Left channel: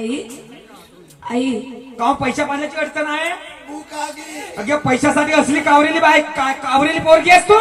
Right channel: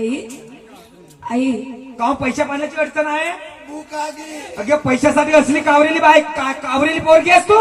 आई आई. का पैसा पाण्याची अडचण आहे? अगे पैशासाठी असली कावरेली बाय का- कावरेली पोरगी आहेस तू?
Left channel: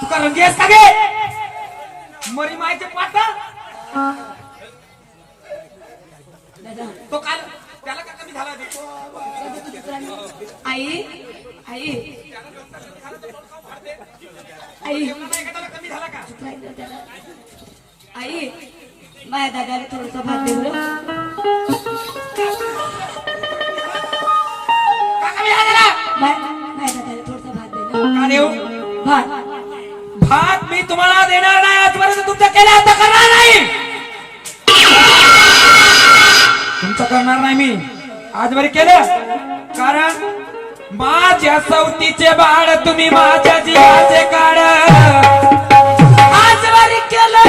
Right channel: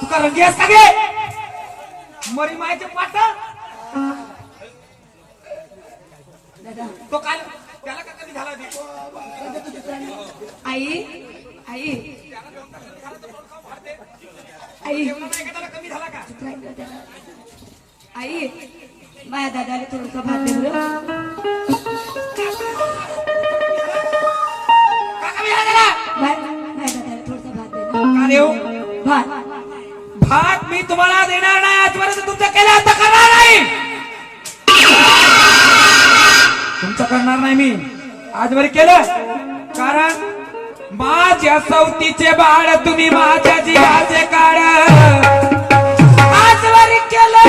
तुका रंगी आहेस का गे? मरी मायचे पाठ? तो काल त्याला का कमी झाला बे? आई आई. आई. एखाद्याला कमी झाला का आई. माझ्या दादाला थोडस भात देऊ रे. भात मी तुम्हाला देणार नाही आजपर्यंत तुमचं केलं आता करणार नाही. तुमचं करणार नाही मी. आजवर केलं. कारण माझ्या सवतीचे बाळ तुम्ही माझ्या जीवाचे काळ आजवर केलं.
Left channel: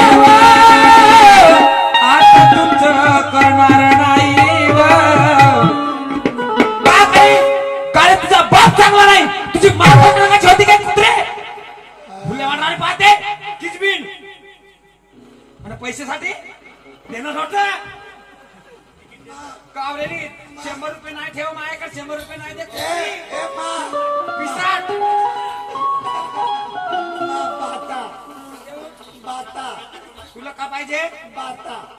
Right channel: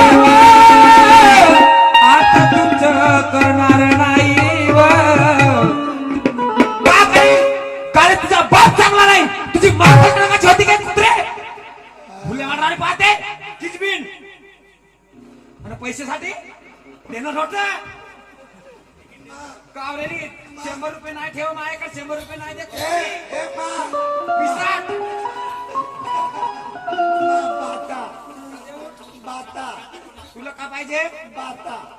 आता तुमचं करणार बाप चांगला नाही. तुझी चांगली होती काय कुत्रे? फुले मारणारे पाहते किचबिन आणि पैशासाठी? देणं होतं कावलेली शंभर रुपये नाही ठेव माझ्याकडे शंभर रुपये नाही दे. तुला का पाहिजे?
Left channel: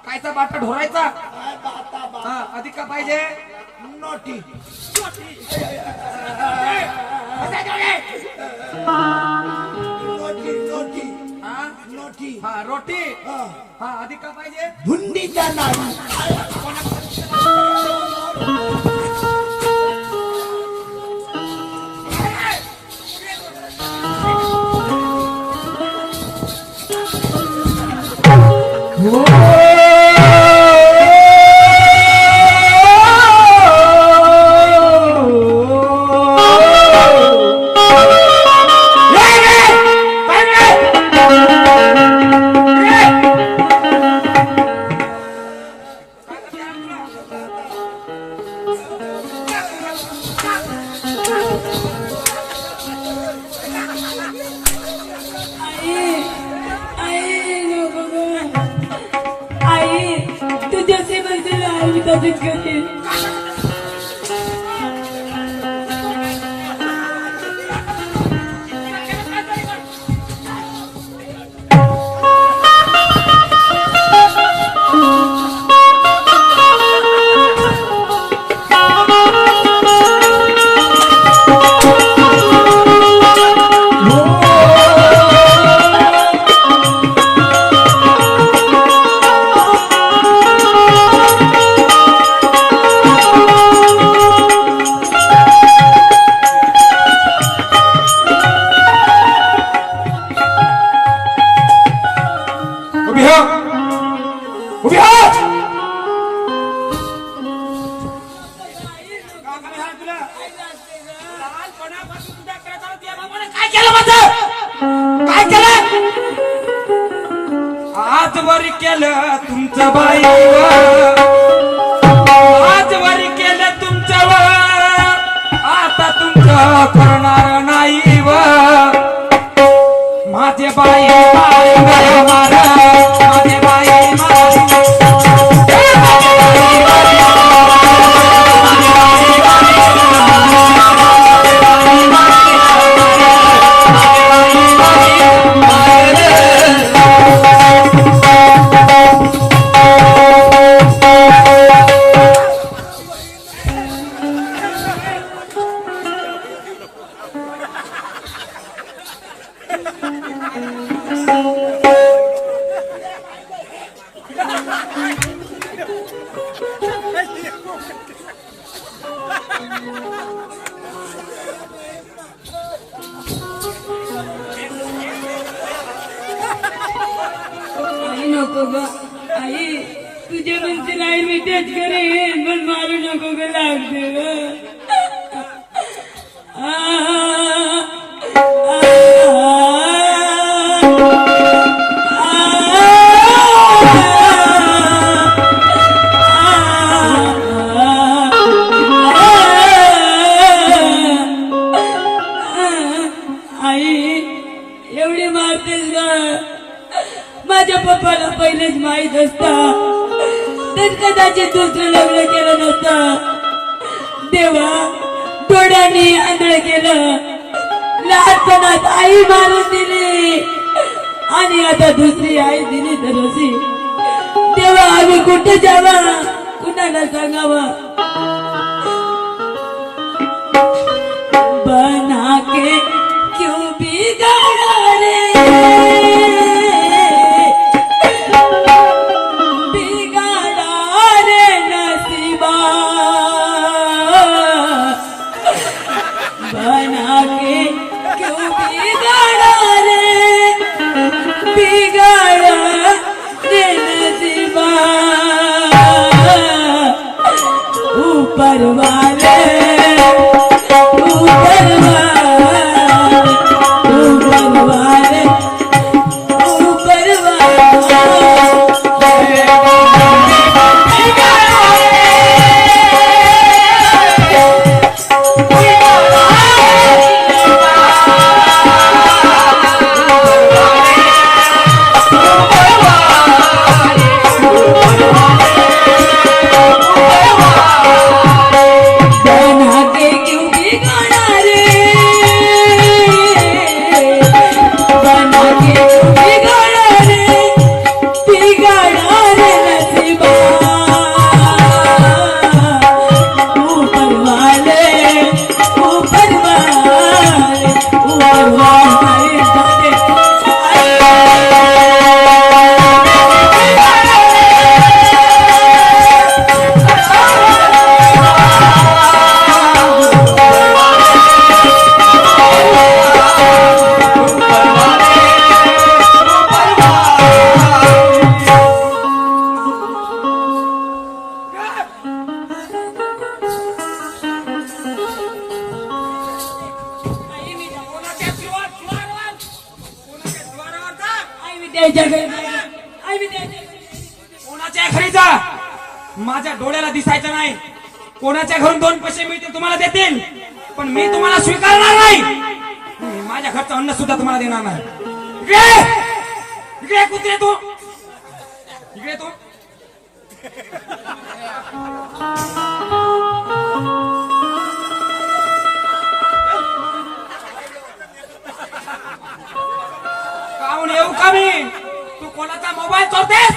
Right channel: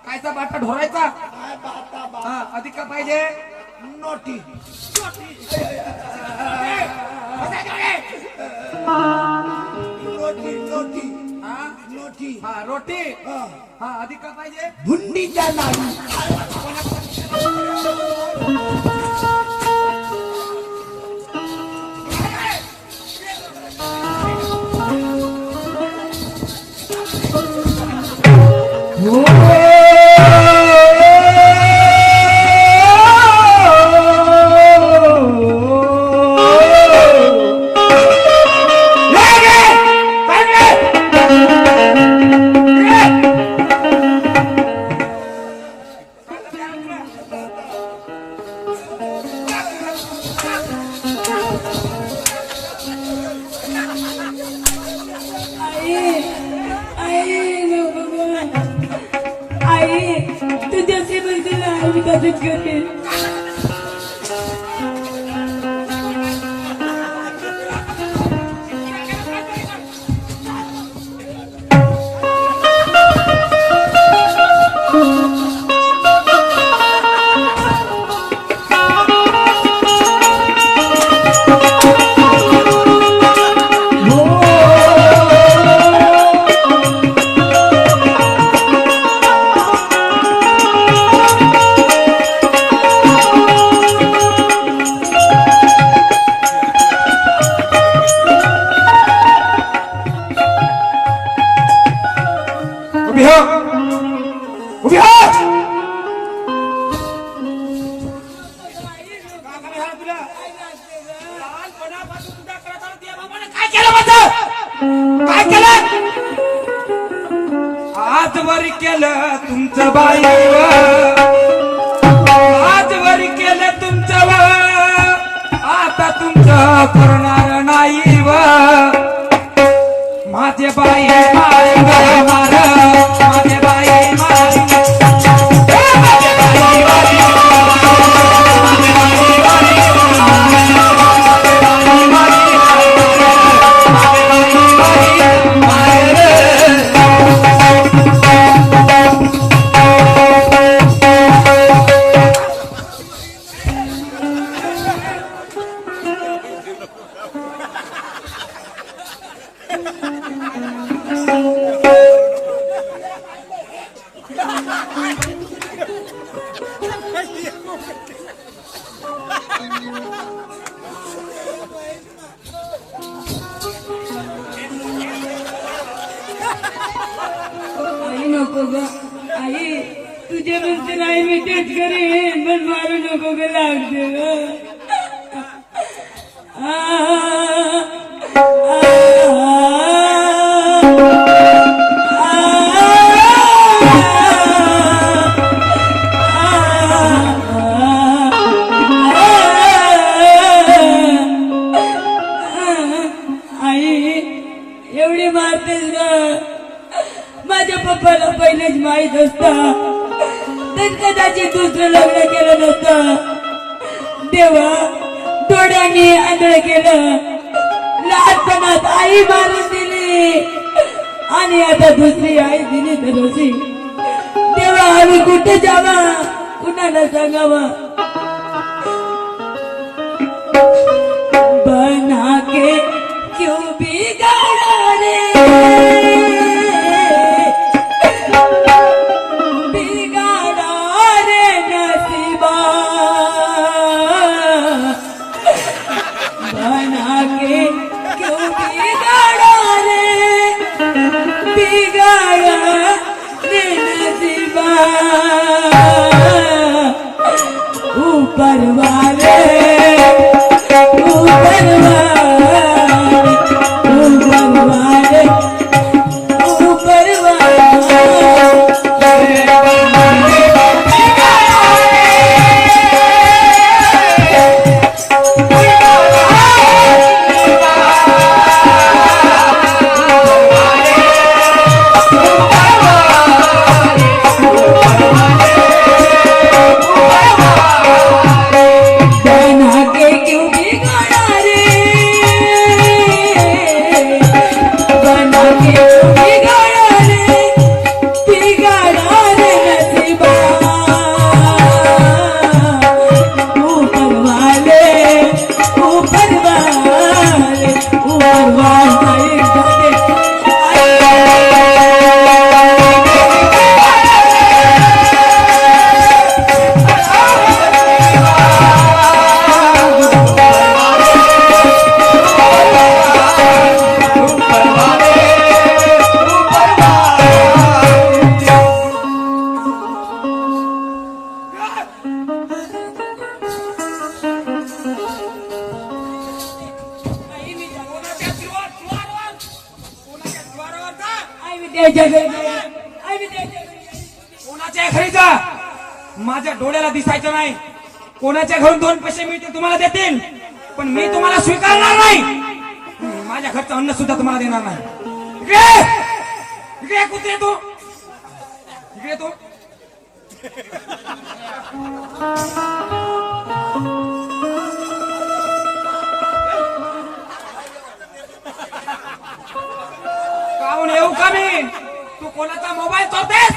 कायचा बाटा ढोरायचा? हा, अधिक का पाहिजे? नोटी. रोटी? हा. अधिक का पाहिजे? हुंडीच्या नावी 風強く केलं तुमचं बाई. आजवर केलं तुमचं व आता तुमचं करणार नाही व माझे बाई. ग आई तुझे म्हणते नाही मी तेच करेन पण मारू नको ग लागते ग माहीत असता. तर कदाचित दुसरं लग्न केलं नसतं. देवा डोळ्यांनी आंधळ केलं. लहानपणात आई मारून दिली. आणि आता दुसरी आई दिली तर देवा आम्ही कुठे जावा? कुणाला सांगावा? வருவார் कोणाच्या घरी जा. माझ्या डोळ्याला दिसायचं नाही. कोणाच्या घरून दोन पैसे मिळतील तुम्हाला देतील. पण मी तुम्हाला स्वीकारणार नाही. माझ्या घरचं अन्न सुद्धा तुम्हाला देणार नाही. कुत्रे तू! इकडे तू! कोणाचा मोबाईल चोरतेस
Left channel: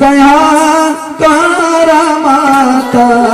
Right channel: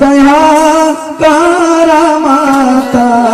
दया कर माता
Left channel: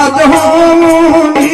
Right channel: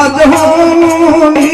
आज होनी